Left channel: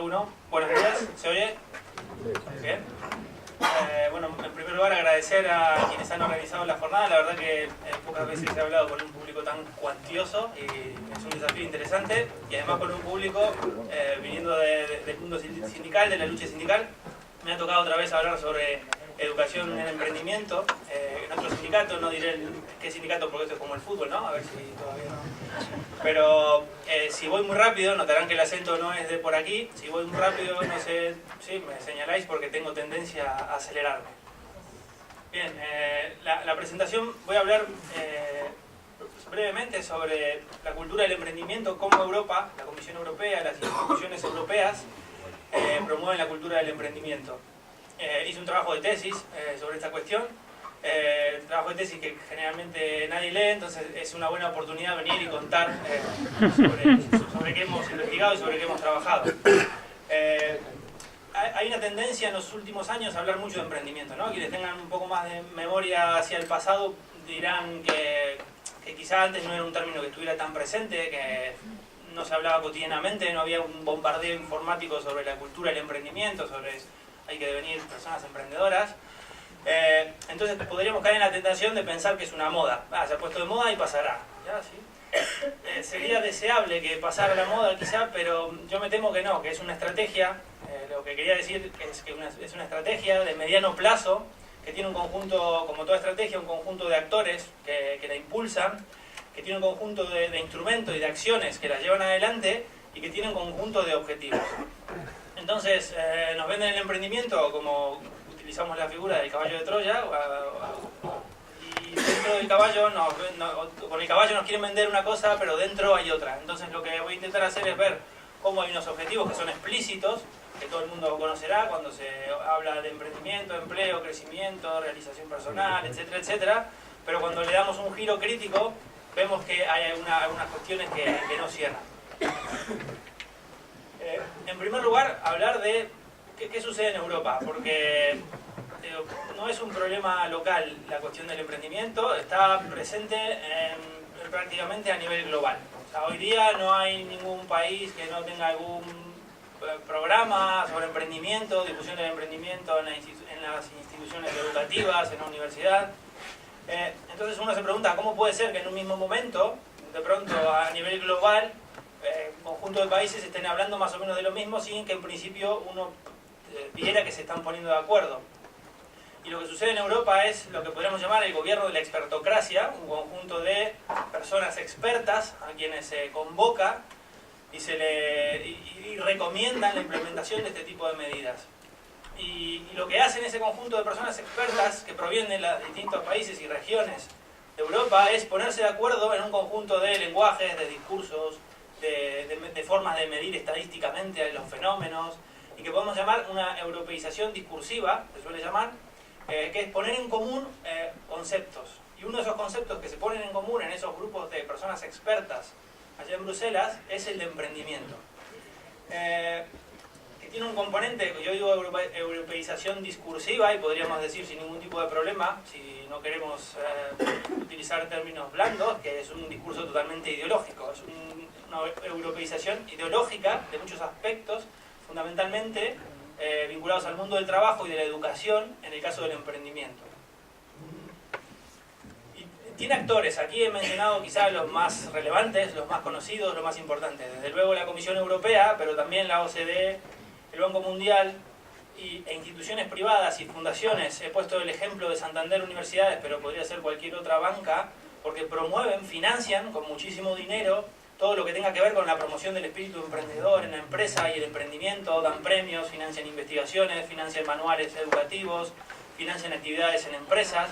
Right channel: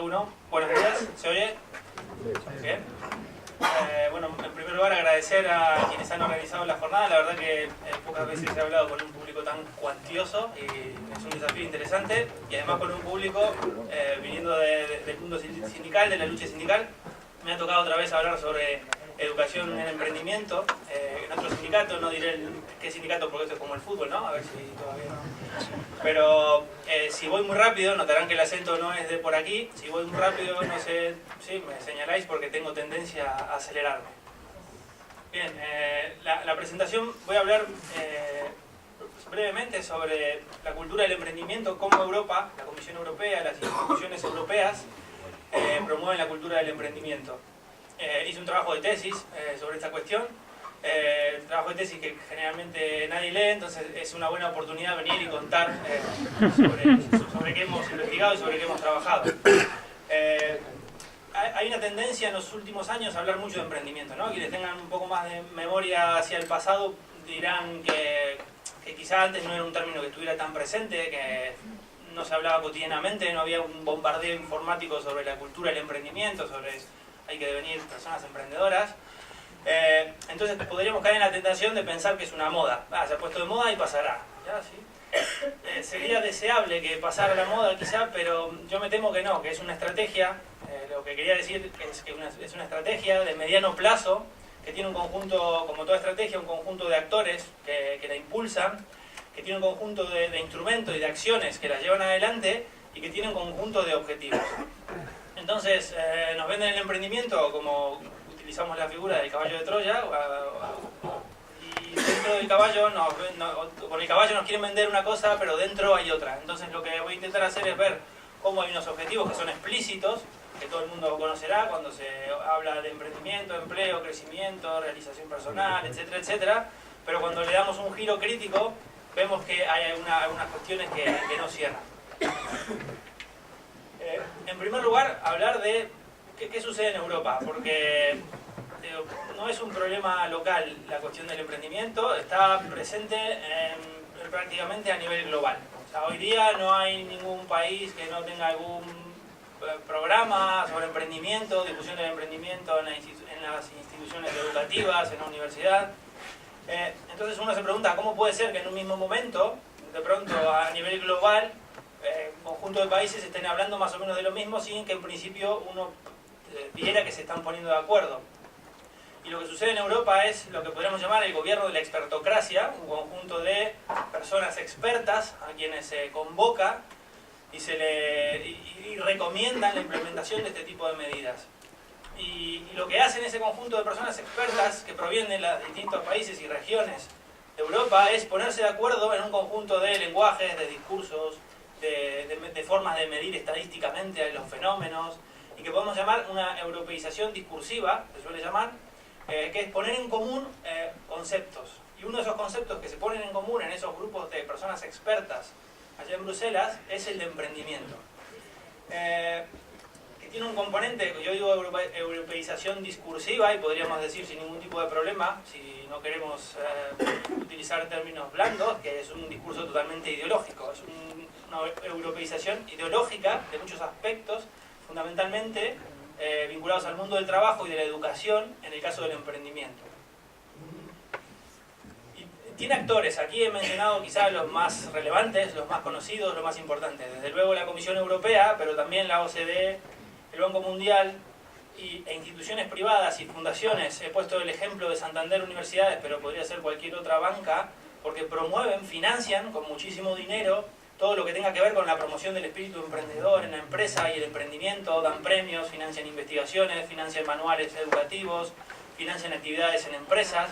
Uno, buenos días, ¿se oye? Bien. Bueno, en primer lugar agradecer a quienes han organizado la jornada. La verdad que pocas veces he hablado con un público tan cuantioso y es un desafío interesante, y además con un público viniendo del mundo sindical, de la lucha sindical. Me ha tocado otra vez hablar sobre educación en emprendimiento en otro sindicato. No diré qué sindicato porque esto es como el fútbol, ¿no? A ver si todavía no. Pero si voy muy rápido, notarán que el acento no es de por aquí. Si voy muy rápido, no sé, sí, me señaláis porque tengo tendencia a acelerarme. Bien, la presentación, voy a hablar brevemente sobre la cultura del emprendimiento, cómo Europa, la Comisión Europea, las instituciones europeas promueven la cultura del emprendimiento. Hice un trabajo de tesis sobre esta cuestión. Trabajo de tesis que generalmente nadie lee, entonces es una buena oportunidad venir y contar sobre qué hemos investigado y sobre qué hemos trabajado. Hay una tendencia en los últimos años a hablar mucho de emprendimiento, ¿no? Quienes tengan un poco más de memoria hacia el pasado dirán que quizá antes no era un término que estuviera tan presente, que no se hablaba cotidianamente, no había un bombardeo informático sobre la cultura del emprendimiento, sobre hay que devenir personas emprendedoras. Entonces podríamos caer en la tentación de pensar que es una moda. Se ha puesto de moda y pasará. ¿Ya? ¿Sí? Sería deseable que pasara la moda quizá, pero yo me temo que no, que es una estrategia. Lo que quería decir es que es una estrategia de mediano plazo que tiene un conjunto, como toda estrategia, un conjunto de actores que la impulsan, que tiene un conjunto de instrumentos y de acciones que la llevan adelante y que tiene un conjunto de objetivos. Entonces nos venden el emprendimiento como utilizamos la figura del caballo de Troya, y dentro del caballo con el caballo nos quieren vender una cosa, pero dentro hay otra. Entonces lo que voy a intentar hacer es ver cómo hay unos objetivos que son explícitos, que todo el mundo conocerá cuando se habla de emprendimiento, empleo, crecimiento, realización personal, etcétera, etcétera, pero cuando le damos un giro crítico vemos que hay algunas cuestiones que no cierran. En primer lugar, hablar de qué sucede en Europa, porque no es un problema local la cuestión del emprendimiento, está presente prácticamente a nivel global. O sea, hoy día no hay ningún país que no tenga algún programa sobre emprendimiento, difusión del emprendimiento en las instituciones educativas, en la universidad. Entonces uno se pregunta, ¿cómo puede ser que en un mismo momento, de pronto a nivel global, un conjunto de países estén hablando más o menos de lo mismo sin que en principio uno viera que se están poniendo de acuerdo? Y lo que sucede en Europa es lo que podríamos llamar el gobierno de la expertocracia, un conjunto de personas expertas a quienes se convoca y recomiendan la implementación de este tipo de medidas. Y lo que hacen ese conjunto de personas expertas que provienen de los distintos países y regiones de Europa es ponerse de acuerdo en un conjunto de lenguajes, de discursos, de formas de medir estadísticamente los fenómenos, y que podemos llamar una europeización discursiva, se suele llamar, que es poner en común conceptos. Y uno de esos conceptos que se ponen en común en esos grupos de personas expertas allá en Bruselas es el de emprendimiento. Que tiene un componente, yo digo europeización discursiva, y podríamos decir sin ningún tipo de problema, si no queremos utilizar términos blandos, que es un discurso totalmente ideológico. Es una europeización ideológica de muchos aspectos, fundamentalmente vinculados al mundo del trabajo y de la educación, en el caso del emprendimiento. Y tiene actores, aquí he mencionado quizás los más relevantes, los más conocidos, los más importantes. Desde luego la Comisión Europea, pero también la OCDE, el Banco Mundial e instituciones privadas y fundaciones. He puesto el ejemplo de Santander Universidades, pero podría ser cualquier otra banca, porque promueven, financian con muchísimo dinero todo lo que tenga que ver con la promoción del espíritu emprendedor en la empresa y el emprendimiento. Dan premios, financian investigaciones, financian manuales educativos, financian actividades en empresas.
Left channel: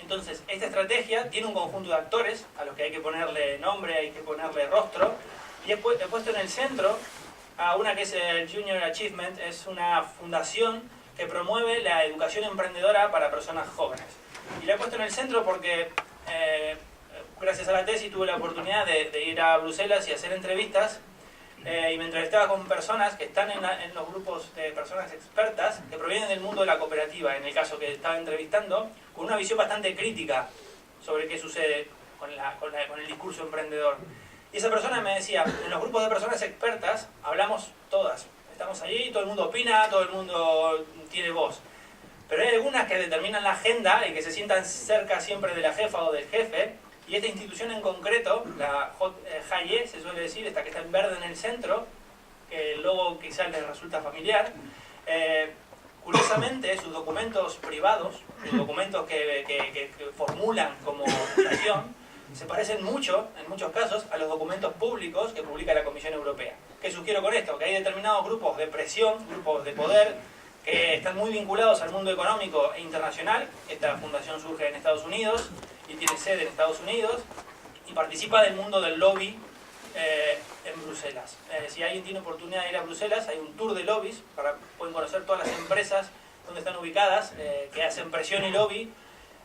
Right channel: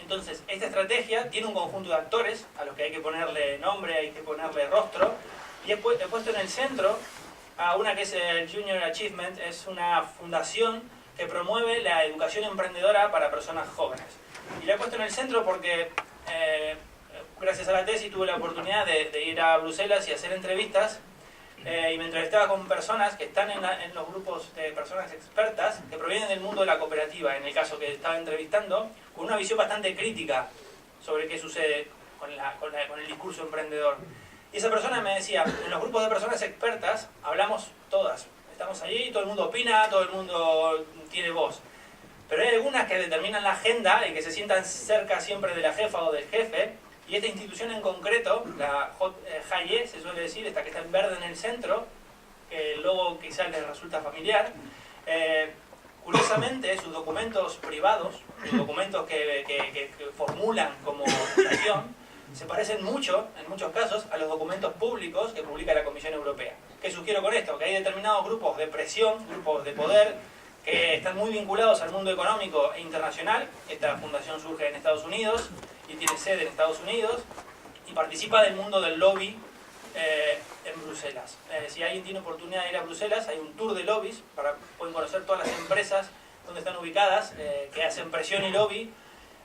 Entonces, esta estrategia tiene un conjunto de actores a los que hay que ponerle nombre, hay que ponerle rostro, y he puesto en el centro a una que es el Junior Achievement. Es una fundación que promueve la educación emprendedora para personas jóvenes. Y la he puesto en el centro porque gracias a la tesis tuve la oportunidad de ir a Bruselas y hacer entrevistas, y me entrevistaba con personas que están en los grupos de personas expertas que provienen del mundo de la cooperativa, en el caso que estaba entrevistando, con una visión bastante crítica sobre qué sucede con el discurso emprendedor. Y esa persona me decía, en los grupos de personas expertas hablamos todas, estamos allí, todo el mundo opina, todo el mundo tiene voz. Pero hay algunas que determinan la agenda y que se sientan cerca siempre de la jefa o del jefe, y esta institución en concreto, la JAIE, se suele decir, esta que está en verde en el centro, que el logo quizás les resulta familiar, curiosamente sus documentos privados, los documentos que formulan como fundación, se parecen mucho, en muchos casos, a los documentos públicos que publica la Comisión Europea. ¿Qué sugiero con esto? Que hay determinados grupos de presión, grupos de poder, que están muy vinculados al mundo económico e internacional. Esta fundación surge en Estados Unidos y tiene sede en Estados Unidos y participa del mundo del lobby en Bruselas. Si alguien tiene oportunidad de ir a Bruselas, hay un tour de lobbies, pueden conocer todas las empresas donde están ubicadas, que hacen presión y lobby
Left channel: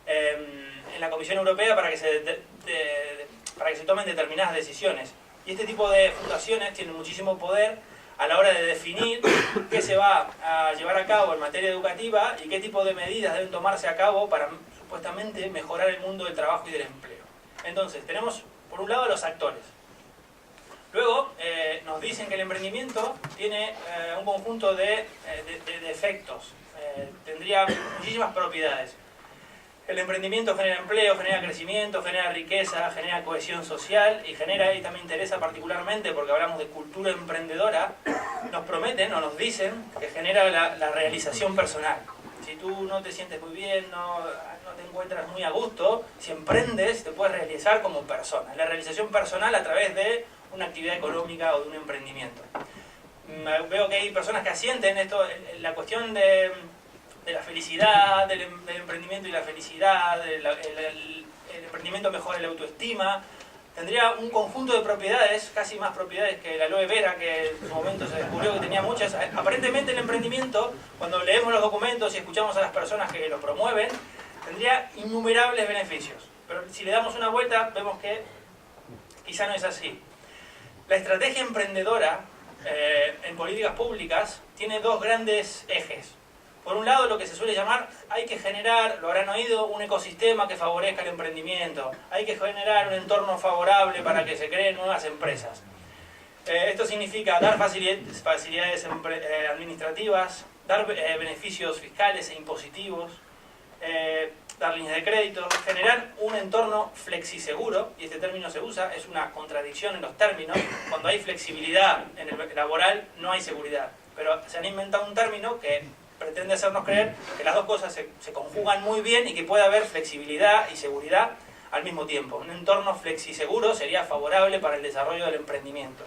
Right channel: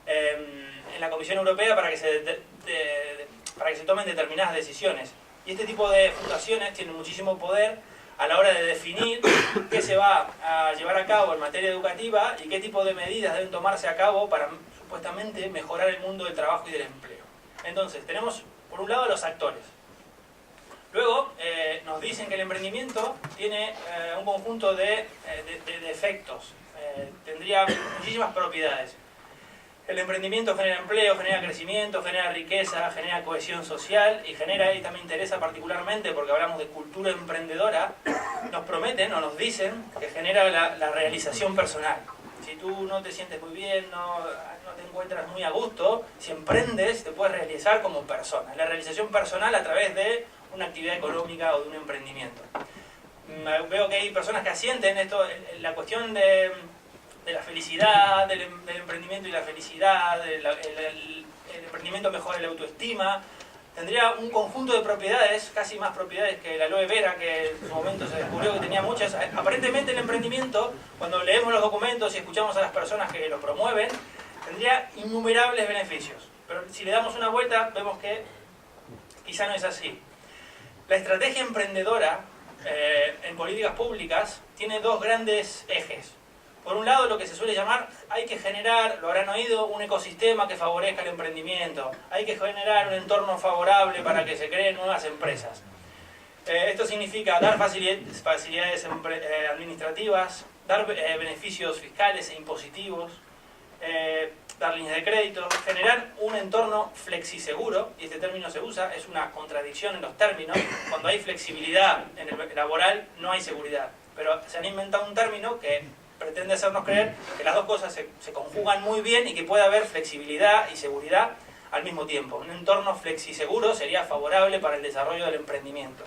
en la Comisión Europea para que se tomen determinadas decisiones. Y este tipo de fundaciones tienen muchísimo poder a la hora de definir qué se va a llevar a cabo en materia educativa y qué tipo de medidas deben tomarse a cabo para supuestamente mejorar el mundo del trabajo y del empleo. Entonces, tenemos por un lado a los actores. Luego, nos dicen que el emprendimiento tiene un conjunto de efectos. Tendría muchísimas propiedades. El emprendimiento genera empleo, genera crecimiento, genera riqueza, genera cohesión social y genera, y también me interesa particularmente porque hablamos de cultura emprendedora, nos prometen o nos dicen que genera la realización personal. Si tú no te sientes muy bien, no te encuentras muy a gusto, si emprendes te puedes realizar como persona. La realización personal a través de una actividad económica o de un emprendimiento. Veo que hay personas que asienten esto, la cuestión de la felicidad, del emprendimiento y la felicidad, el emprendimiento mejora la autoestima, tendría un conjunto de propiedades, casi más propiedades que la aloe vera, que en su momento se descubrió que tenía muchas. Aparentemente el emprendimiento, cuando leemos los documentos y escuchamos a las personas que lo promueven, tendría innumerables beneficios. Pero si le damos una vuelta, vemos que quizá no es así. La estrategia emprendedora en políticas públicas tiene dos grandes ejes. Por un lado, lo que se suele llamar, hay que generar, lo habrán oído, un ecosistema que favorezca el emprendimiento. Hay que generar un entorno favorable para que se creen nuevas empresas. Esto significa dar facilidades administrativas, dar beneficios fiscales e impositivos, dar líneas de crédito, generar un entorno flexiseguro, y este término se usa, es una contradicción en los términos. Cuando hay flexibilidad en el laboral, no hay seguridad. Pero se han inventado un término que pretende hacernos creer que las dos cosas se conjugan muy bien y que puede haber flexibilidad y seguridad al mismo tiempo. Un entorno flexiseguro sería favorable para el desarrollo del emprendimiento.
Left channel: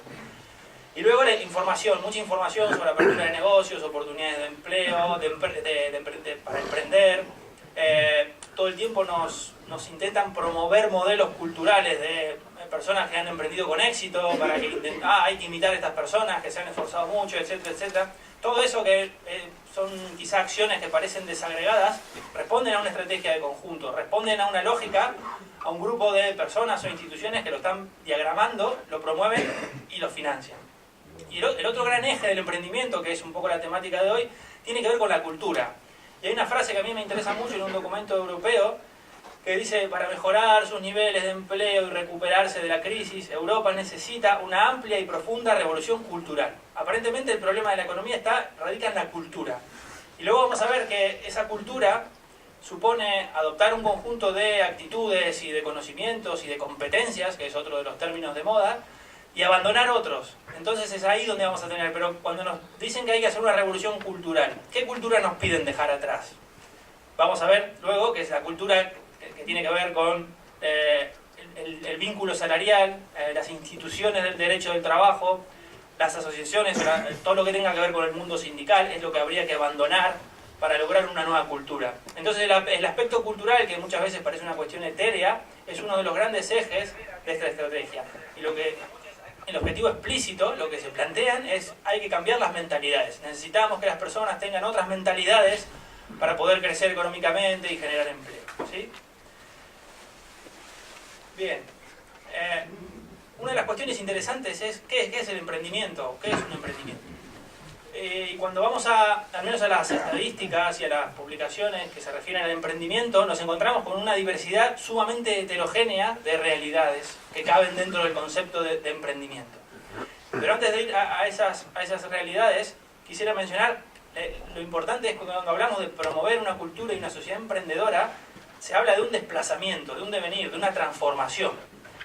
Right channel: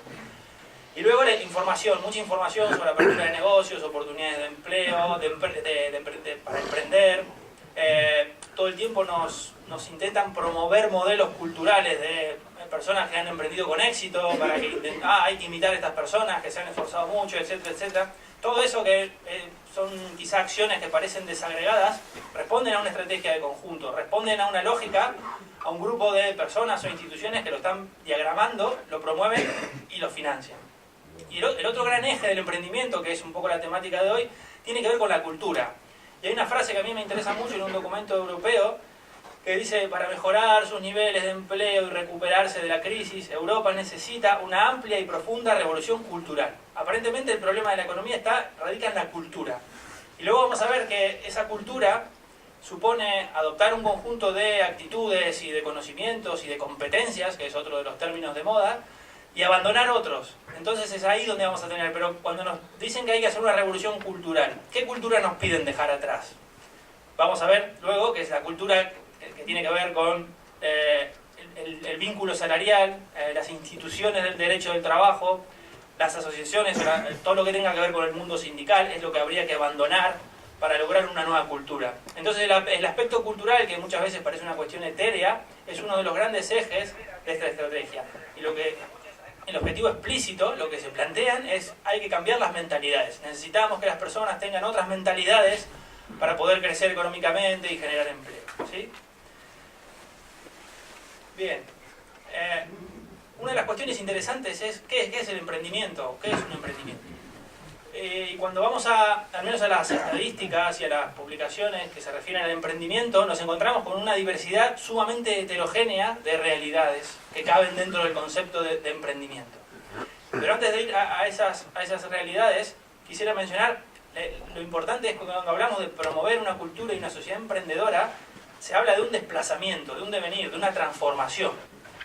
Y luego la información, mucha información sobre apertura de negocios, oportunidades de empleo, para emprender. Todo el tiempo nos intentan promover modelos culturales de personas que han emprendido con éxito, para que hay que imitar a estas personas que se han esforzado mucho, etcétera, etcétera. Todo eso que son quizá acciones que parecen desagregadas, responden a una estrategia de conjunto, responden a una lógica, a un grupo de personas o instituciones que lo están diagramando, lo promueven y lo financian. Y el otro gran eje del emprendimiento, que es un poco la temática de hoy, tiene que ver con la cultura. Y hay una frase que a mí me interesa mucho en un documento europeo, que dice: para mejorar sus niveles de empleo y recuperarse de la crisis, Europa necesita una amplia y profunda revolución cultural. Aparentemente el problema de la economía radica en la cultura. Y luego vamos a ver que esa cultura supone adoptar un conjunto de actitudes y de conocimientos y de competencias, que es otro de los términos de moda, y abandonar otros. Entonces es ahí donde vamos a tener. Pero cuando nos dicen que hay que hacer una revolución cultural, ¿qué cultura nos piden dejar atrás? Vamos a ver luego que es la cultura que tiene que ver con el vínculo salarial, las instituciones del derecho del trabajo, las asociaciones, todo lo que tenga que ver con el mundo sindical, es lo que habría que abandonar para lograr una nueva cultura. Entonces el aspecto cultural, que muchas veces parece una cuestión etérea, es uno de los grandes ejes de esta estrategia. Y el objetivo explícito, lo que se plantean es: hay que cambiar las mentalidades. Necesitamos que las personas tengan otras mentalidades para poder crecer económicamente y generar empleo, ¿sí? Bien. Una de las cuestiones interesantes es ¿qué es el emprendimiento? ¿Qué es un emprendimiento? Y cuando vamos al menos a las estadísticas y a las publicaciones que se refieren al emprendimiento, nos encontramos con una diversidad sumamente heterogénea de realidades que caben dentro del concepto de emprendimiento. Pero antes de ir a esas realidades, quisiera mencionar, lo importante es que cuando hablamos de promover una cultura y una sociedad emprendedora, se habla de un desplazamiento, de un devenir, de una transformación.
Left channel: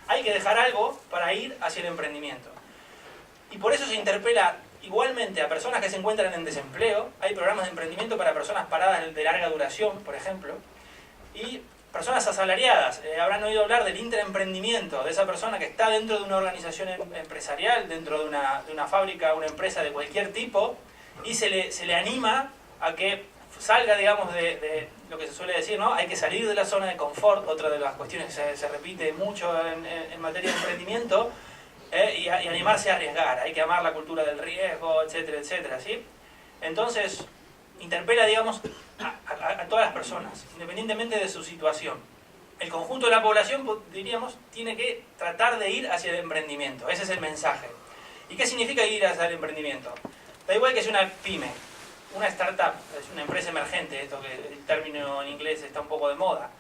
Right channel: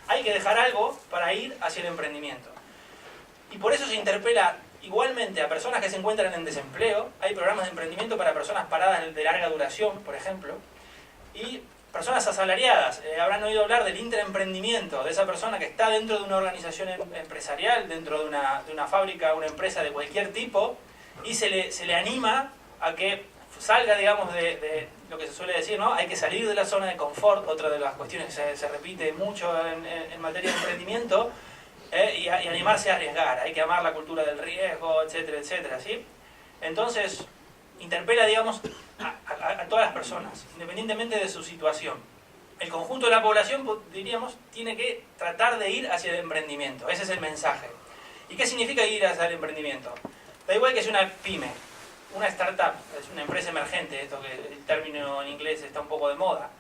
Hay que dejar algo para ir hacia el emprendimiento. Y por eso se interpela igualmente a personas que se encuentran en desempleo. Hay programas de emprendimiento para personas paradas de larga duración, por ejemplo, y personas asalariadas. Habrán oído hablar del intraemprendimiento, de esa persona que está dentro de una organización empresarial, dentro de una fábrica, una empresa de cualquier tipo, y se le anima a que salga, digamos, de lo que se suele decir, ¿no? Hay que salir de la zona de confort, otra de las cuestiones que se repite mucho en materia de emprendimiento, y animarse a arriesgar. Hay que amar la cultura del riesgo, etcétera, etcétera, ¿sí? Entonces, interpela, digamos, a todas las personas, independientemente de su situación. El conjunto de la población, diríamos, tiene que tratar de ir hacia el emprendimiento. Ese es el mensaje. ¿Y qué significa ir hacia el emprendimiento? Da igual que sea una pyme, una startup, es una empresa emergente, esto que el término en inglés está un poco de moda.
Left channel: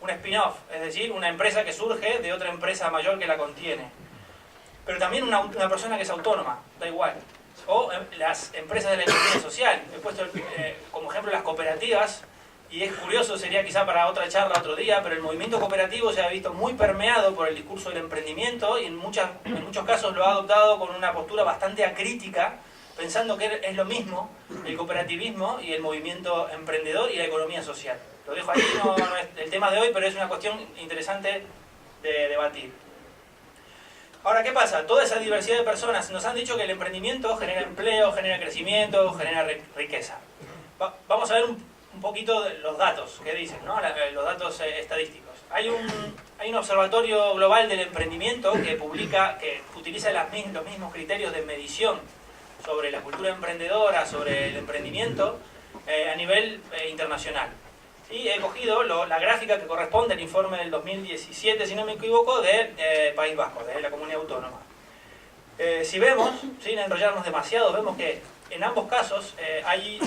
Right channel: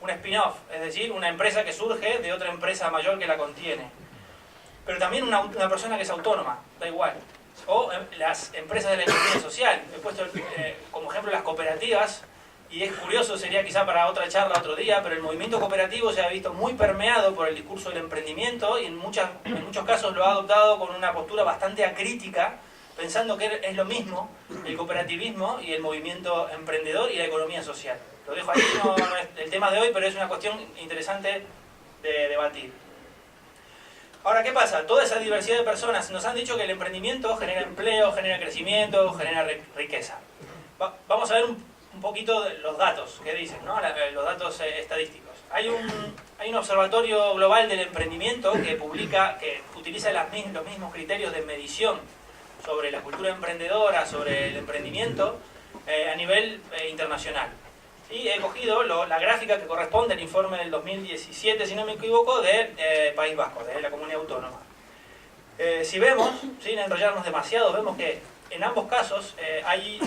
Un spin-off, es decir, una empresa que surge de otra empresa mayor que la contiene. Pero también una persona que es autónoma, da igual. O las empresas de la economía social. He puesto como ejemplo las cooperativas, y es curioso, sería quizá para otra charla otro día, pero el movimiento cooperativo se ha visto muy permeado por el discurso del emprendimiento y en muchos casos lo ha adoptado con una postura bastante acrítica, pensando que es lo mismo el cooperativismo y el movimiento emprendedor y la economía social. Lo dejo ahí, no es el tema de hoy, pero es una cuestión interesante de debatir. Ahora, ¿qué pasa? Toda esa diversidad de personas nos han dicho que el emprendimiento genera empleo, genera crecimiento, genera riqueza. Vamos a ver un poquito de los datos que dicen, ¿no? Los datos estadísticos. Hay un observatorio global del emprendimiento que utiliza los mismos criterios de medición sobre la cultura emprendedora, sobre el emprendimiento, a nivel internacional. ¿Sí? He cogido la gráfica que corresponde al informe del 2017, si no me equivoco, de País Vasco, de la comunidad autónoma. Si vemos, sin enrollarnos demasiado, vemos que en ambos casos hay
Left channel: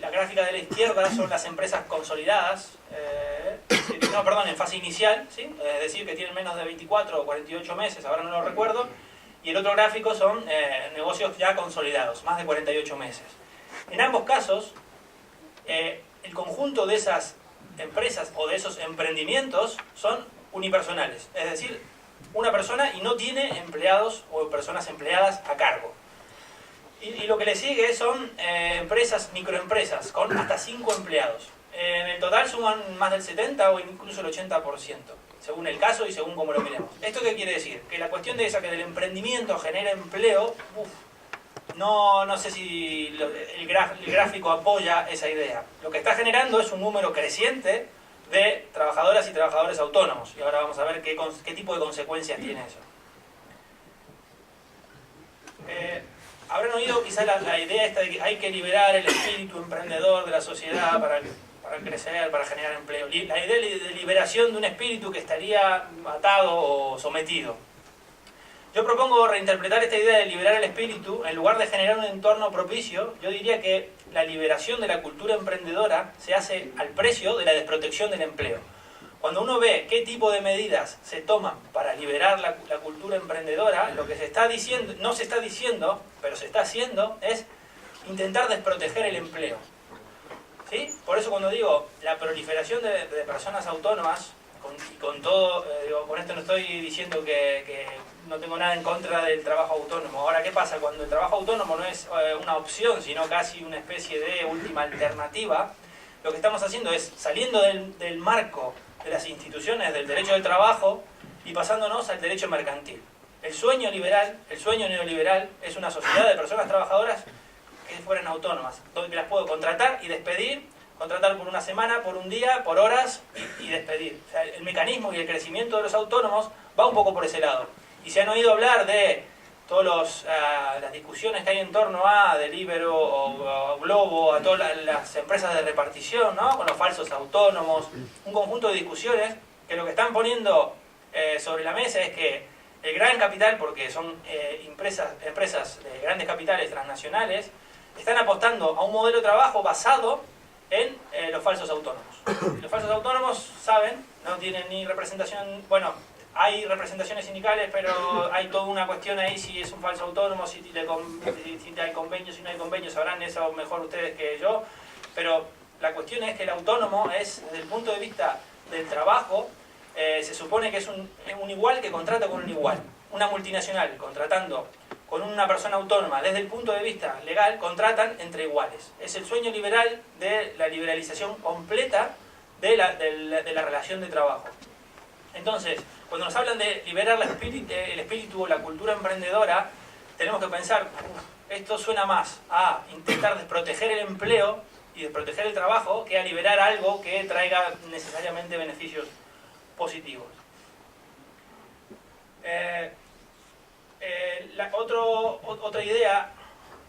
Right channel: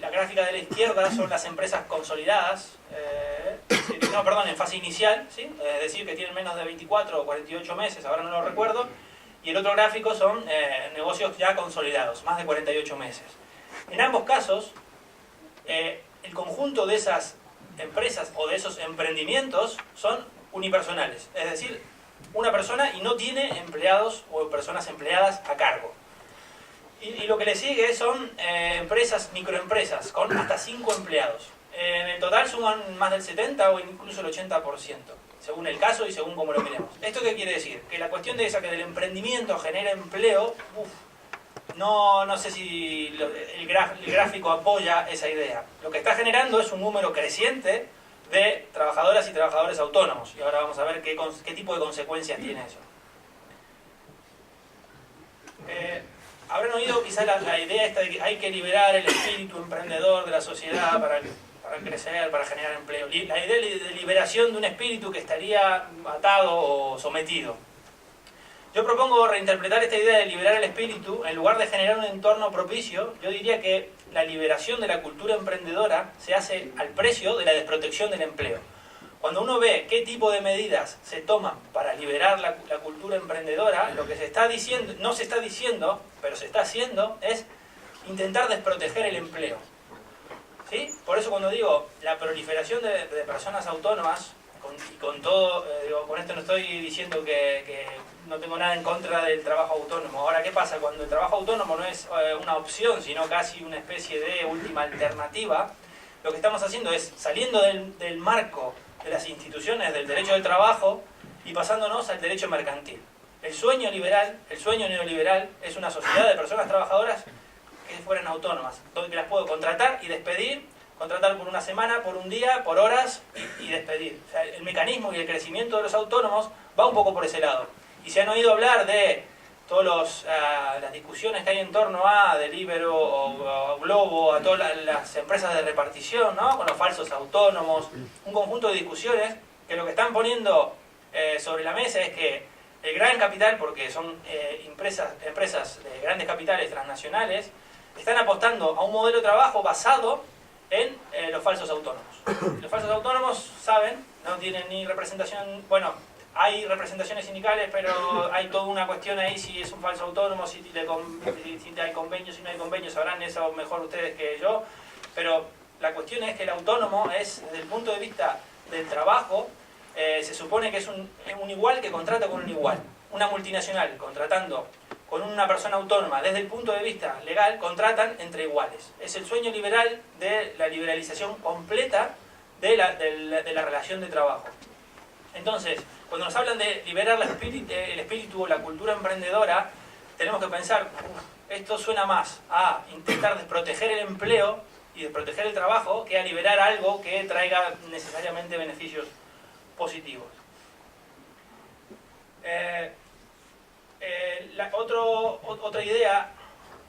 la gráfica de la izquierda son las empresas consolidadas, en fase inicial, ¿sí? Es decir, que tienen menos de 24 o 48 meses, ahora no lo recuerdo, y el otro gráfico son negocios ya consolidados, más de 48 meses. En ambos casos, el conjunto de esas empresas o de esos emprendimientos son unipersonales, es decir, una persona y no tiene empleados o personas empleadas a cargo. Y lo que le sigue son microempresas, con hasta 5 empleados. En el total suman más del 70 o incluso el 80%, según el caso y según cómo lo miremos. ¿Esto qué quiere decir? Que la cuestión de esa que del emprendimiento genera empleo, no sé si el gráfico apoya esa idea. Lo que está generando es un número creciente de trabajadoras y trabajadores autónomos. Y ahora vamos a ver qué tipo de consecuencias tiene eso. Habrán oído quizás la idea esta de que hay que liberar el espíritu emprendedor de la sociedad para crecer, para generar empleo. La idea de liberación de un espíritu que estaría atado o sometido. Yo propongo reinterpretar esta idea de liberar el espíritu. En lugar de generar un entorno propicio, yo diría que la liberación de la cultura emprendedora se hace al precio de la desprotección del empleo. Cuando uno ve qué tipo de medidas se toman para liberar la cultura emprendedora, lo que se está diciendo, no se está diciendo, pero se está haciendo, es intentar desproteger el empleo. ¿Sí? Por eso cuando digo la proliferación de personas autónomas, con todo, con esto no estoy diciendo que no tengo nada en contra del trabajo autónomo. Ahora, ¿qué pasa? Cuando el trabajo autónomo no es una opción, sino casi una especie de última alternativa, lo que estamos haciendo es saliendo del marco de las instituciones del derecho del trabajo y pasándonos al derecho mercantil. El sueño liberal, el sueño neoliberal, es una sociedad de personas trabajadoras que fueran autónomas, donde las puedo contratar y despedir, contratar por una semana, por un día, por horas y despedir. O sea, el mecanismo y el crecimiento de los autónomos va un poco por ese lado. Y se han oído hablar de todas las discusiones que hay en torno a Deliveroo o Globo, a todas las empresas de repartición, ¿no? Con los falsos autónomos, un conjunto de discusiones que lo que están poniendo sobre la mesa es que el gran capital, porque son empresas de grandes capitales transnacionales, están apostando a un modelo de trabajo basado en los falsos autónomos. Los falsos autónomos, saben, no tienen ni representación, bueno, hay representaciones sindicales, pero hay toda una cuestión ahí si es un falso autónomo, si hay convenios, si no hay convenios, sabrán eso mejor ustedes que yo, pero la cuestión es que el autónomo es, desde el punto de vista del trabajo, se supone que es un igual que contrata con un igual. Una multinacional contratando con una persona autónoma, desde el punto de vista legal, contratan entre iguales. Es el sueño liberal de la liberalización completa de la relación de trabajo. Entonces, cuando nos hablan de liberar el espíritu o la cultura emprendedora, tenemos que pensar, esto suena más a intentar desproteger el empleo y desproteger el trabajo que a liberar algo que traiga necesariamente beneficios positivos. Otra idea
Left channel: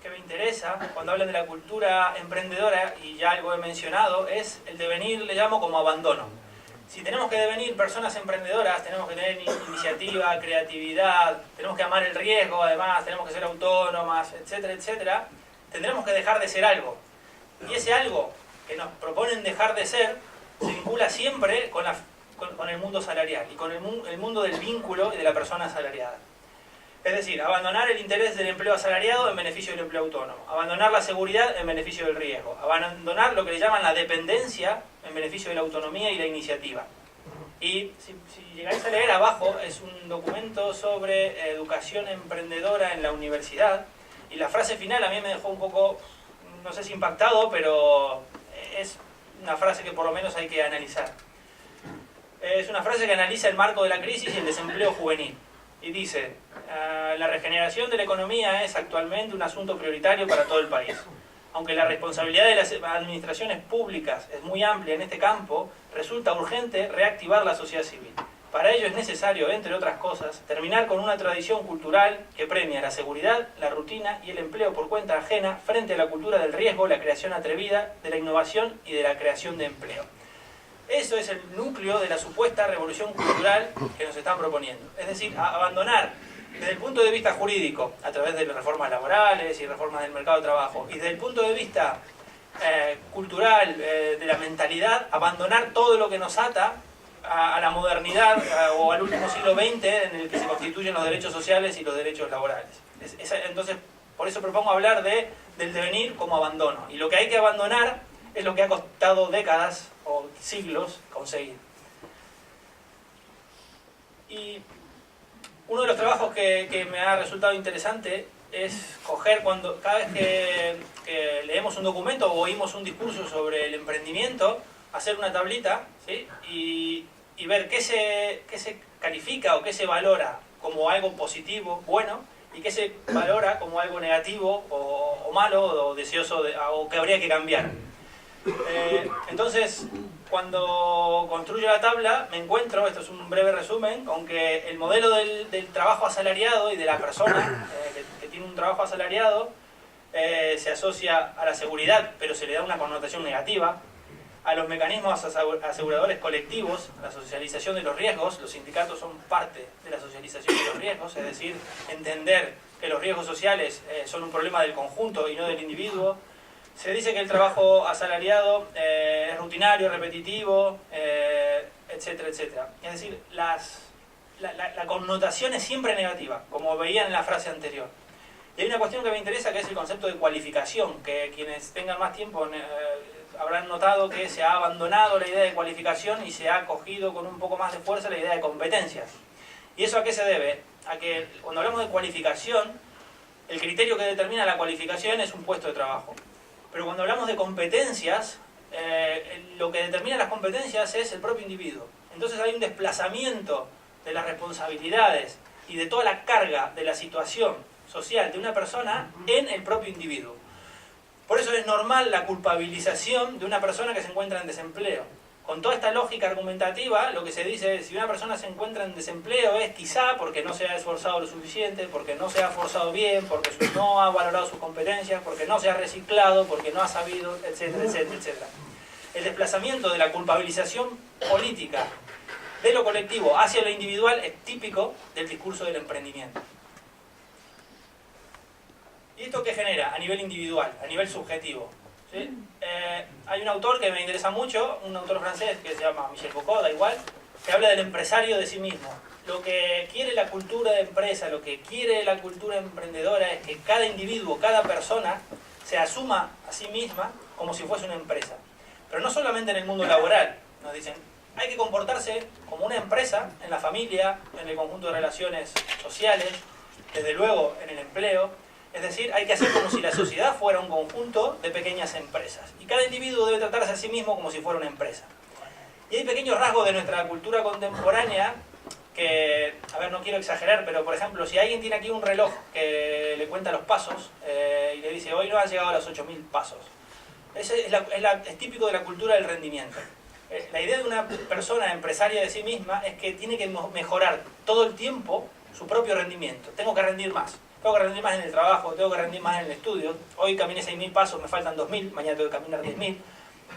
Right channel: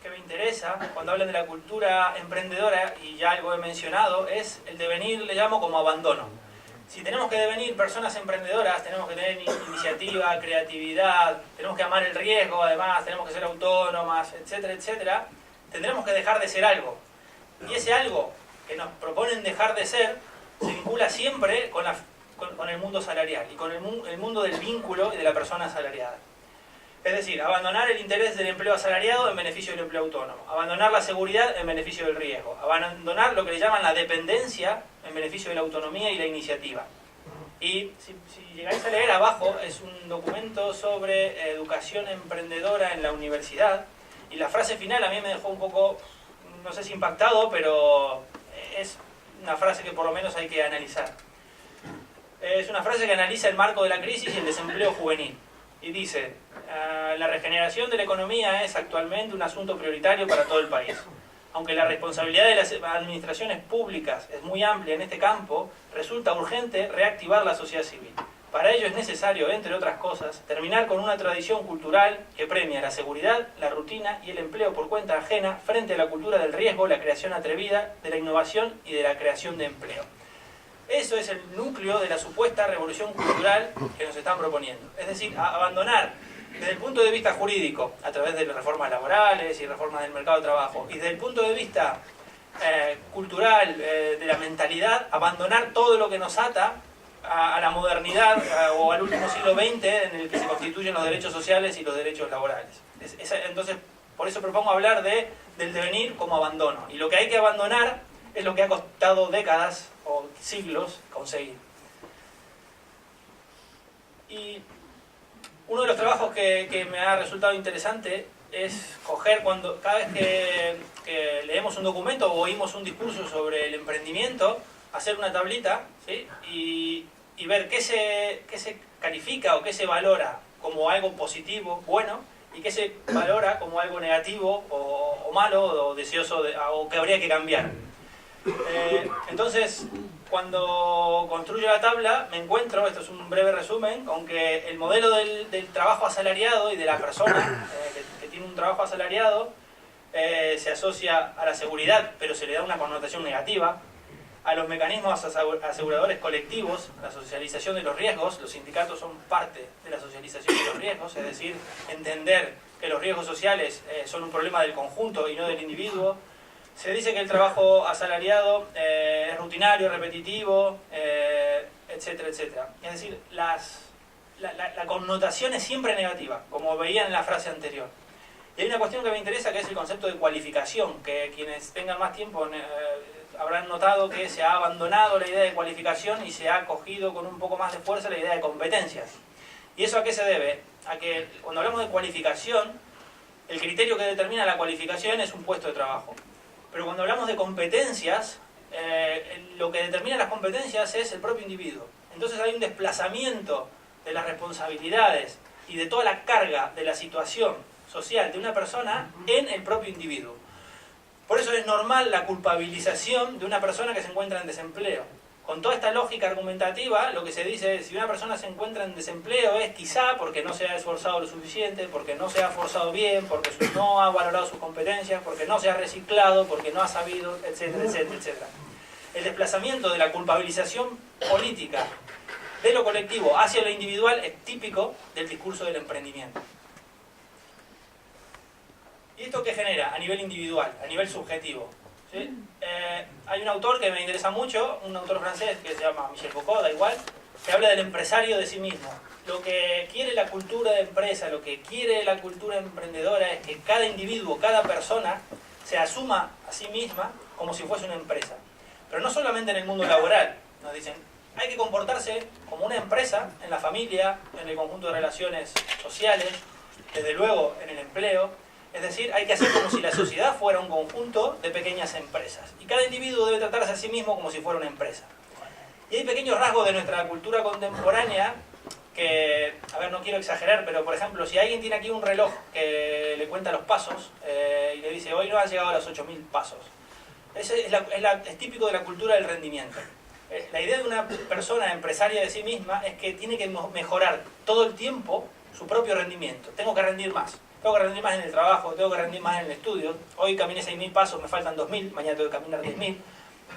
que me interesa cuando hablan de la cultura emprendedora, y ya algo he mencionado, es el devenir, le llamo como abandono. Si tenemos que devenir personas emprendedoras, tenemos que tener iniciativa, creatividad, tenemos que amar el riesgo, además, tenemos que ser autónomas, etcétera, etcétera, tendremos que dejar de ser algo. Y ese algo que nos proponen dejar de ser se vincula siempre con el mundo salarial y con el mundo del vínculo y de la persona asalariada. Es decir, abandonar el interés del empleo asalariado en beneficio del empleo autónomo, abandonar la seguridad en beneficio del riesgo, abandonar lo que le llaman la dependencia en beneficio de la autonomía y la iniciativa. Y si llegáis a leer abajo, es un documento sobre educación emprendedora en la universidad, y la frase final a mí me dejó un poco, no sé si impactado, pero es una frase que por lo menos hay que analizar. Es una frase que analiza el marco de la crisis y el desempleo juvenil. Y dice, la regeneración de la economía es actualmente un asunto prioritario para todo el país. Aunque la responsabilidad de las administraciones públicas es muy amplia en este campo, resulta urgente reactivar la sociedad civil. Para ello es necesario, entre otras cosas, terminar con una tradición cultural que premia la seguridad, la rutina y el empleo por cuenta ajena frente a la cultura del riesgo, la creación atrevida, de la innovación y de la creación de empleo. Eso es el núcleo de la supuesta revolución cultural que nos están proponiendo. Es decir, abandonar desde el punto de vista jurídico, a través de reformas laborales y reformas del mercado de trabajo, y desde el punto de vista cultural, de la mentalidad, abandonar todo lo que nos ata a la modernidad o al último siglo XX en el que se constituyen los derechos sociales y los derechos laborales. Entonces, por eso propongo hablar del devenir como abandono. Y lo que hay que abandonar es lo que ha costado décadas o siglos conseguir. Y uno de los trabajos que me ha resultado interesante es coger cada vez que leemos un documento o oímos un discurso sobre el emprendimiento, hacer una tablita, ¿sí? y ver qué se califica o qué se valora como algo positivo, bueno, y qué se valora como algo negativo o malo o deseoso o que habría que cambiar. Entonces, cuando construyo la tabla, me encuentro, esto es un breve resumen, con que el modelo del trabajo asalariado y de la persona que tiene un trabajo asalariado se asocia a la seguridad, pero se le da una connotación negativa, a los mecanismos aseguradores colectivos, a la socialización de los riesgos. Los sindicatos son parte de la socialización de los riesgos, es decir, entender que los riesgos sociales son un problema del conjunto y no del individuo. Se dice que el trabajo asalariado es rutinario, repetitivo, etcétera, etcétera. Es decir, la connotación es siempre negativa, como veían en la frase anterior. Y hay una cuestión que me interesa, que es el concepto de cualificación, que quienes tengan más tiempo habrán notado que se ha abandonado la idea de cualificación y se ha cogido con un poco más de fuerza la idea de competencias. ¿Y eso a qué se debe? A que cuando hablamos de cualificación, el criterio que determina la cualificación es un puesto de trabajo. Pero cuando hablamos de competencias, lo que determina las competencias es el propio individuo. Entonces hay un desplazamiento de las responsabilidades y de toda la carga de la situación social de una persona en el propio individuo. Por eso es normal la culpabilización de una persona que se encuentra en desempleo. Con toda esta lógica argumentativa, lo que se dice es, si una persona se encuentra en desempleo es quizá porque no se ha esforzado lo suficiente, porque no se ha esforzado bien, porque no ha valorado sus competencias, porque no se ha reciclado, porque no ha sabido, etcétera, etcétera, etcétera. El desplazamiento de la culpabilización política de lo colectivo hacia lo individual es típico del discurso del emprendimiento. ¿Y esto qué genera? A nivel individual, a nivel subjetivo. ¿Sí? Hay un autor que me interesa mucho, un autor francés que se llama Michel Foucault, da igual, que habla del empresario de sí mismo. lo que quiere la cultura de empresa, lo que quiere la cultura emprendedora es que cada individuo, cada persona se asuma a sí misma como si fuese una empresa. Pero no solamente en el mundo laboral. Nos dicen, hay que comportarse como una empresa en la familia, en el conjunto de relaciones sociales, desde luego en el empleo. Es decir, hay que hacer como si la sociedad fuera un conjunto de pequeñas empresas. Y cada individuo debe tratarse a sí mismo como si fuera una empresa. Y hay pequeños rasgos de nuestra cultura contemporánea que, a ver, no quiero exagerar, pero por ejemplo, si alguien tiene aquí un reloj que le cuenta los pasos y le dice, hoy no has llegado a los 8.000 pasos. Ese es típico de la cultura del rendimiento. La idea de una persona empresaria de sí misma es que tiene que mejorar todo el tiempo su propio rendimiento. Tengo que rendir más. Tengo que rendir más en el trabajo, tengo que rendir más en el estudio. Hoy caminé 6.000 pasos, me faltan 2.000, mañana tengo que caminar 10.000,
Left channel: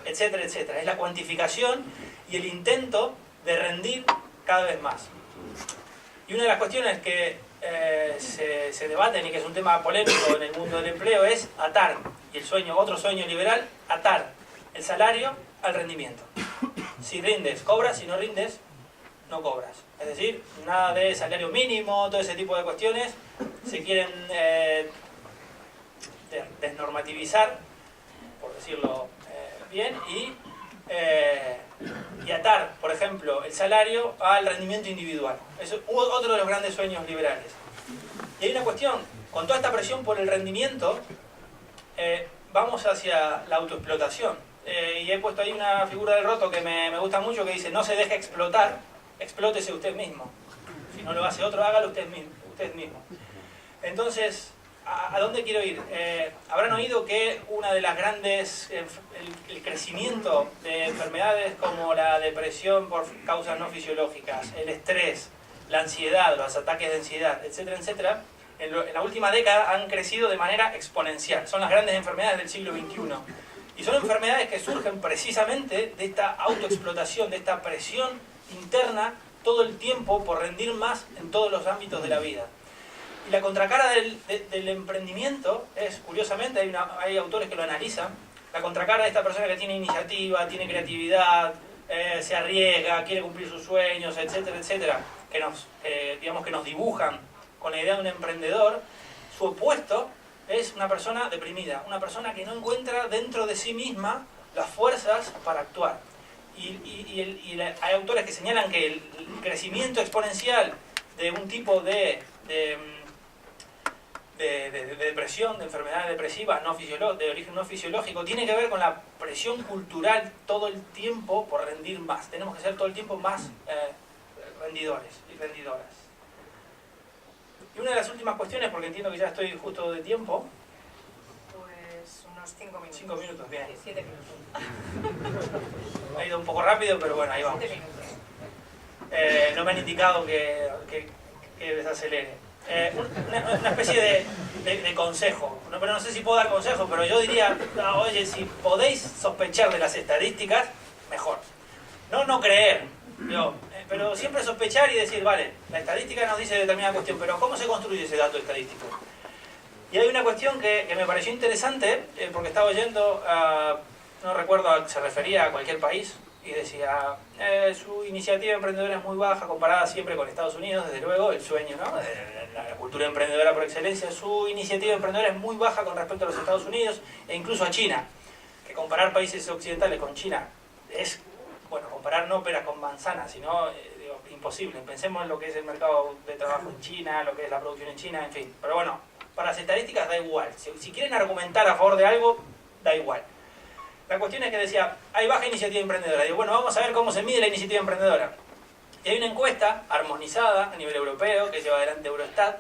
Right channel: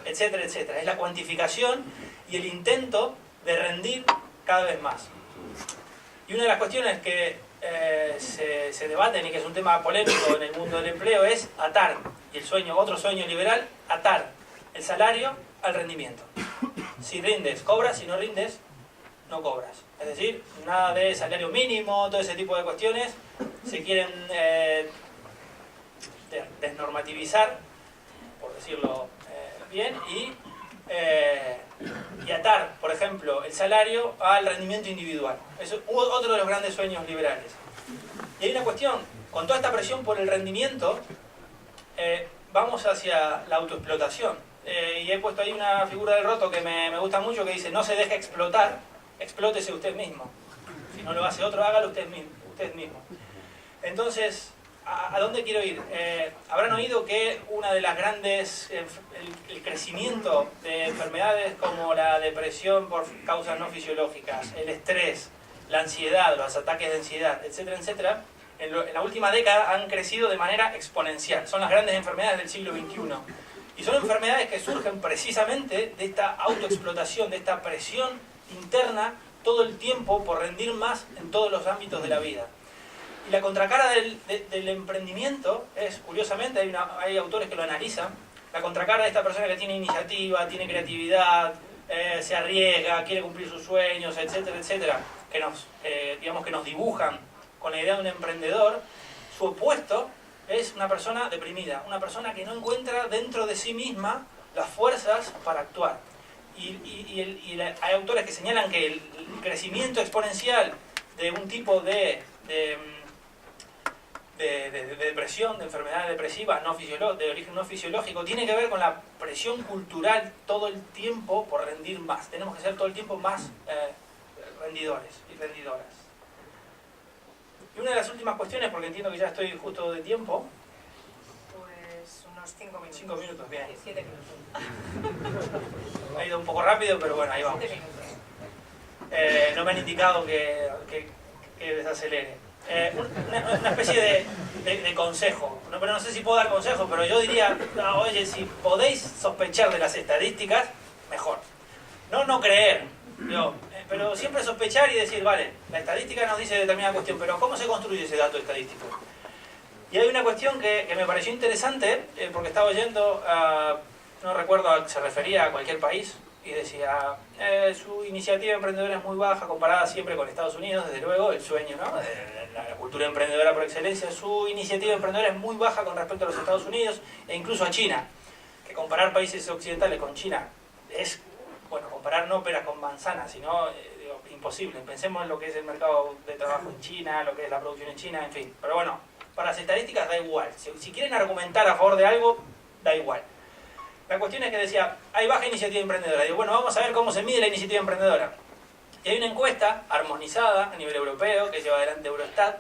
etcétera, etcétera. Es la cuantificación y el intento de rendir cada vez más. Y una de las cuestiones que se debaten y que es un tema polémico en el mundo del empleo es atar, y el sueño, otro sueño liberal, atar el salario al rendimiento. Si rindes, cobras, si no rindes, no cobras. Es decir, nada de salario mínimo, todo ese tipo de cuestiones se quieren desnormativizar, por decirlo bien, y atar, por ejemplo, el salario al rendimiento individual. Eso es otro de los grandes sueños liberales. Y hay una cuestión, con toda esta presión por el rendimiento, vamos hacia la autoexplotación. Y he puesto ahí una figura del Roto que me gusta mucho, que dice, no se deje explotar, explótese usted mismo. Si no lo hace otro, hágalo usted mismo. Entonces, ¿a dónde quiero ir? Habrán oído que una de las grandes, el crecimiento de enfermedades como la depresión por causas no fisiológicas, el estrés, la ansiedad, los ataques de ansiedad, etcétera, etcétera, en la última década han crecido de manera exponencial. Son las grandes enfermedades del siglo XXI. Y son enfermedades que surgen precisamente de esta autoexplotación, de esta presión interna todo el tiempo por rendir más en todos los ámbitos de la vida. Y la contracara del emprendimiento es, curiosamente, hay autores que lo analizan, la contracara de esta persona que tiene iniciativa, tiene creatividad, se arriesga, quiere cumplir sus sueños, etcétera, etcétera, digamos que nos dibujan con la idea de un emprendedor. Su opuesto es una persona deprimida, una persona que no encuentra dentro de sí misma las fuerzas para actuar. Hay autores que señalan que el crecimiento exponencial de un tipo de depresión, de enfermedades depresivas de origen no fisiológico, tiene que ver con la presión cultural todo el tiempo por rendir más. Tenemos que ser todo el tiempo más rendidores y rendidoras. Y una de las últimas cuestiones, porque entiendo que ya estoy justo de tiempo. Pues unos 5 minutos. 5 minutos, bien. 7 minutos. Ha ido un poco rápido, pero bueno, ahí vamos. 7 minutos. No me han indicado que desacelere. Una especie de consejo. Pero no sé si puedo dar consejo, pero yo diría, oye, si podéis sospechar de las estadísticas, mejor. No creer. Pero siempre sospechar y decir, vale, la estadística nos dice determinada cuestión, pero ¿cómo se construye ese dato estadístico? Y hay una cuestión que me pareció interesante, porque estaba oyendo, no recuerdo, se refería a cualquier país, y decía, su iniciativa emprendedora es muy baja comparada siempre con Estados Unidos, desde luego, el sueño, ¿no? La cultura emprendedora por excelencia, su iniciativa emprendedora es muy baja con respecto a los Estados Unidos e incluso a China, que comparar países occidentales con China es, bueno, comparar no peras con manzanas, sino imposible. Pensemos en lo que es el mercado de trabajo en China, lo que es la producción en China, en fin. Pero bueno, para las estadísticas da igual. Si quieren argumentar a favor de algo, da igual. La cuestión es que decía, hay baja iniciativa emprendedora. Digo, bueno, vamos a ver cómo se mide la iniciativa emprendedora. Y hay una encuesta armonizada a nivel europeo que lleva adelante Eurostat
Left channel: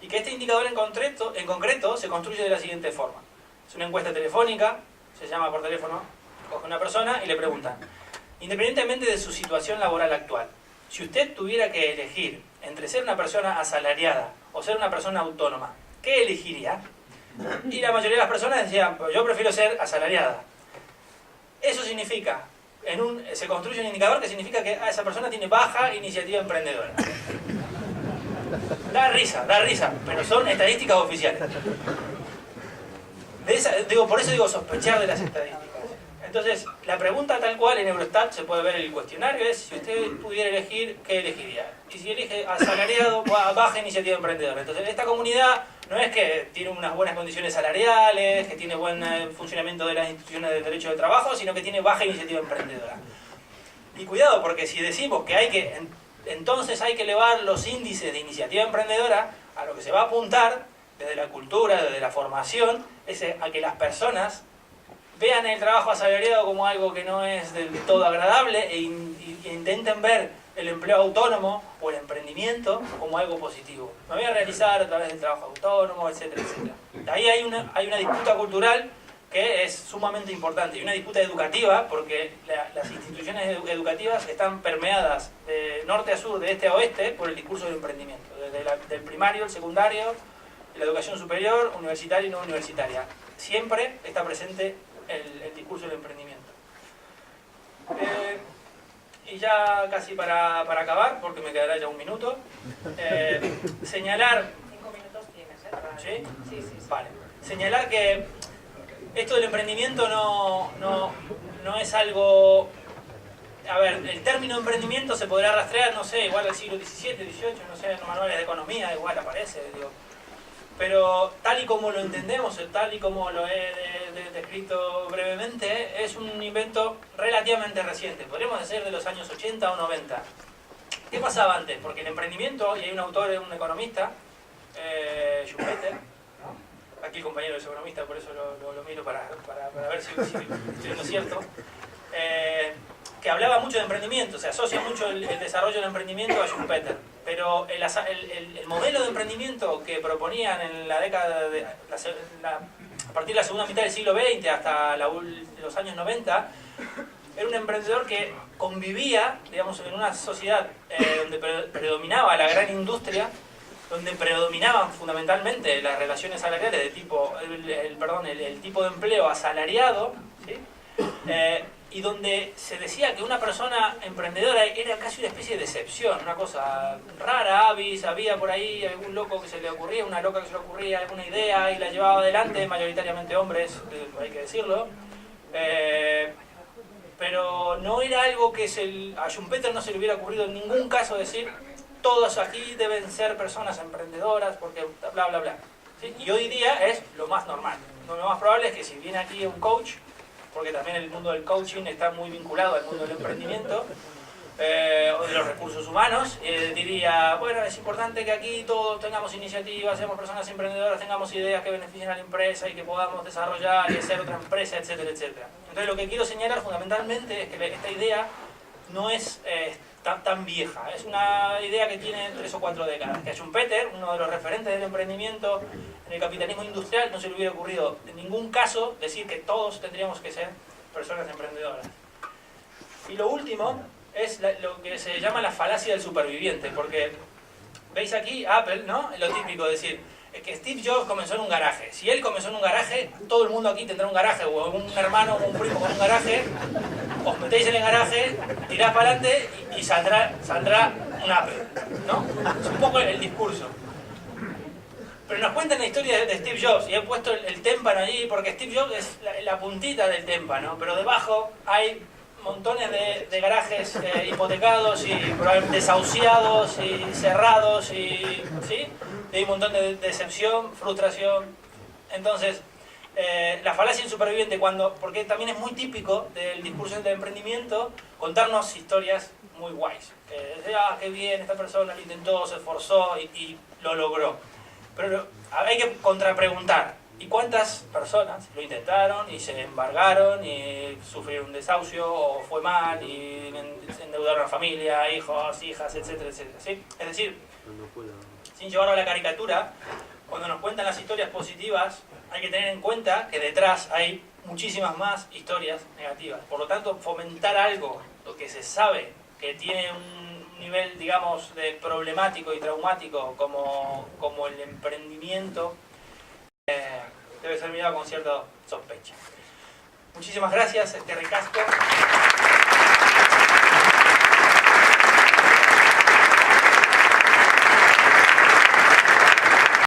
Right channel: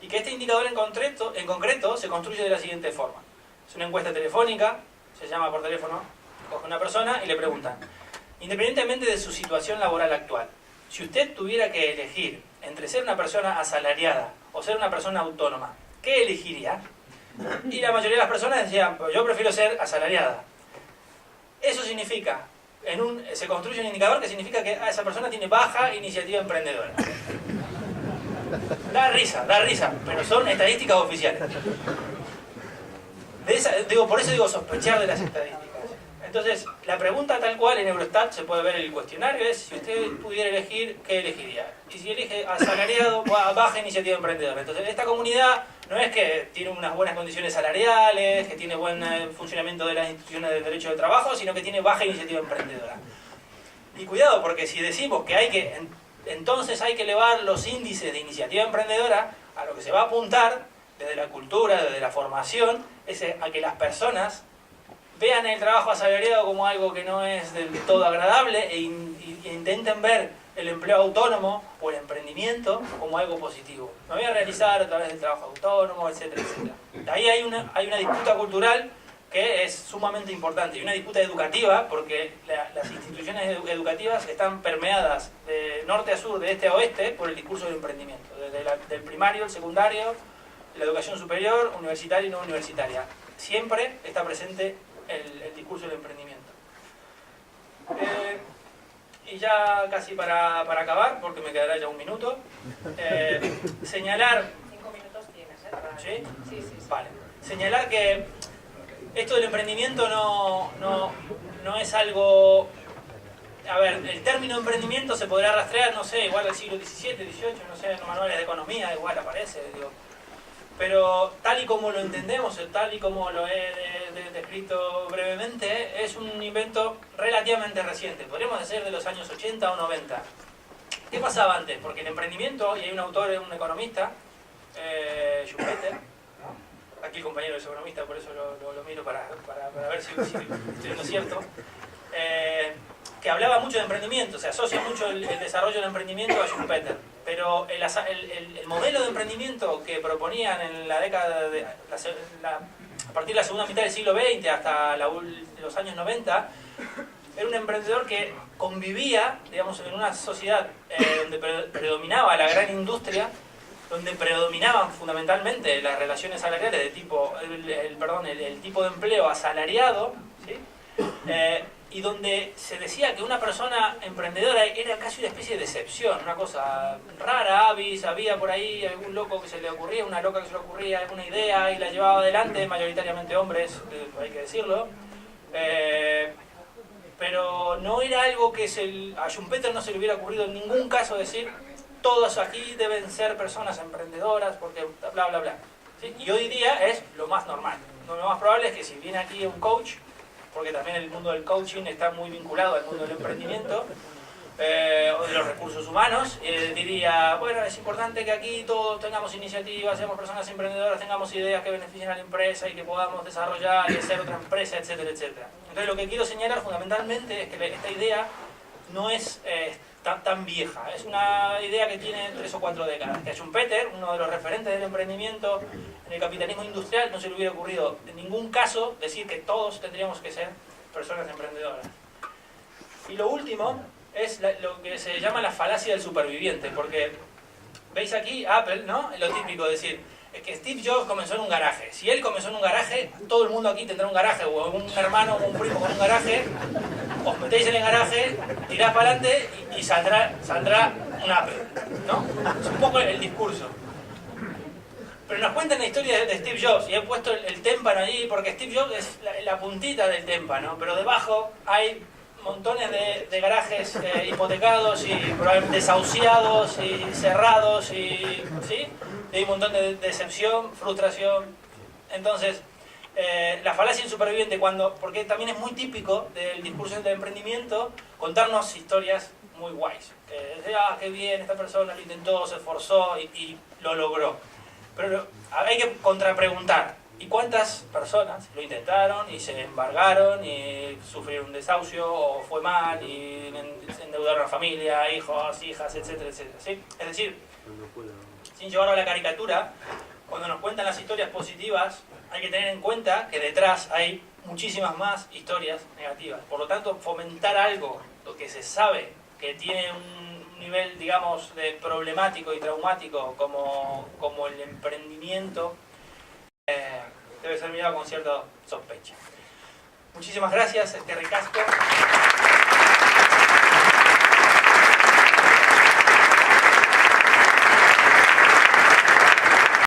y que este indicador en concreto se construye de la siguiente forma. Es una encuesta telefónica, se llama por teléfono, coge una persona y le preguntan, independientemente de su situación laboral actual, si usted tuviera que elegir entre ser una persona asalariada o ser una persona autónoma, ¿qué elegiría? Y la mayoría de las personas decían, pues yo prefiero ser asalariada. Eso significa, se construye un indicador que significa que esa persona tiene baja iniciativa emprendedora. Da risa, pero son estadísticas oficiales. Por eso digo sospechar de las estadísticas. Entonces, la pregunta tal cual en Eurostat, se puede ver en el cuestionario, es si usted pudiera elegir, ¿qué elegiría? Y si elige asalariado, baja iniciativa emprendedora. Entonces, esta comunidad no es que tiene unas buenas condiciones salariales, que tiene buen funcionamiento de las instituciones del derecho de trabajo, sino que tiene baja iniciativa emprendedora. Y cuidado, porque si decimos que entonces hay que elevar los índices de iniciativa emprendedora, a lo que se va a apuntar, desde la cultura, desde la formación, es a que las personas vean el trabajo asalariado como algo que no es del todo agradable e intenten ver el empleo autónomo o el emprendimiento como algo positivo. Me voy a realizar a través del trabajo autónomo, etcétera, etcétera. Ahí hay una disputa cultural que es sumamente importante y una disputa educativa porque las instituciones educativas están permeadas de norte a sur, de este a oeste, por el discurso del emprendimiento. Desde del primario, el secundario, la educación superior, universitaria y no universitaria. Siempre está presente el discurso del emprendimiento. Y ya casi para acabar, porque me quedará ya un minuto, señalar... 5 minutos tienes, ¿Sí? Sí, sí, sí. Vale. Señalar que esto del emprendimiento no es algo... A ver, el término emprendimiento se podrá rastrear, no sé, igual al siglo XVII, XVIII, no sé, en los manuales de economía, igual aparece, digo. Pero tal y como lo entendemos, tal y como lo he descrito brevemente, es un invento relativamente reciente, podríamos decir de los años 80 o 90. ¿Qué pasaba antes? Porque el emprendimiento, y hay un autor, un economista, Schumpeter, aquí el compañero es economista, por eso lo miro para ver si estoy en lo cierto, que hablaba mucho de emprendimiento, se asocia mucho el desarrollo del emprendimiento a Schumpeter. Pero el modelo de emprendimiento que proponían en la década de... a partir de la segunda mitad del siglo XX hasta los años 90, era un emprendedor que convivía, digamos, en una sociedad donde predominaba la gran industria, donde predominaban fundamentalmente las relaciones salariales de tipo... el tipo de empleo asalariado, ¿sí? Y donde se decía que una persona emprendedora era casi una especie de excepción, una cosa rara, avis, había por ahí algún loco que se le ocurría, una loca que se le ocurría alguna idea y la llevaba adelante, mayoritariamente hombres, hay que decirlo, pero no era algo que a Schumpeter no se le hubiera ocurrido en ningún caso decir todos aquí deben ser personas emprendedoras porque bla bla bla, ¿sí? Y hoy día es lo más normal, lo más probable es que si viene aquí un coach, porque también el mundo del coaching está muy vinculado al mundo del emprendimiento, o de los recursos humanos, diría, bueno, es importante que aquí todos tengamos iniciativas, seamos personas emprendedoras, tengamos ideas que beneficien a la empresa y que podamos desarrollar y hacer otra empresa, etcétera, etcétera. Entonces lo que quiero señalar fundamentalmente es que esta idea no es tan vieja, es una idea que tiene 3 o 4 décadas, que a Schumpeter, uno de los referentes del emprendimiento en el capitalismo industrial, no se le hubiera ocurrido en ningún caso decir que todos tendríamos que ser personas emprendedoras. Y lo último es lo que se llama la falacia del superviviente, porque veis aquí Apple, ¿no? Lo típico de decir, es que Steve Jobs comenzó en un garaje. Si él comenzó en un garaje, todo el mundo aquí tendrá un garaje, o un hermano o un primo con un garaje, os metéis en el garaje, tirás para adelante y saldrá un Apple, ¿no? Es un poco el discurso. Pero nos cuentan la historia de Steve Jobs, y he puesto el témpano allí, porque Steve Jobs es la puntita del témpano, pero debajo hay montones de garajes hipotecados y probablemente desahuciados y cerrados, y ¿sí? Y hay un montón de decepción, frustración. Entonces, la falacia del superviviente, porque también es muy típico del discurso del emprendimiento, contarnos historias muy guays. Qué bien, esta persona lo intentó, se esforzó y lo logró. Pero hay que contrapreguntar, ¿y cuántas personas lo intentaron y se embargaron y sufrieron un desahucio o fue mal y endeudaron a la familia, hijos, hijas, etcétera, etcétera? ¿Sí? Es decir, sin llevarlo a la caricatura, cuando nos cuentan las historias positivas, hay que tener en cuenta que detrás hay muchísimas más historias negativas. Por lo tanto, fomentar algo, lo que se sabe que tiene un nivel, digamos, de problemático y traumático como el emprendimiento, debe ser mirado con cierta sospecha. Muchísimas gracias, Ricasco.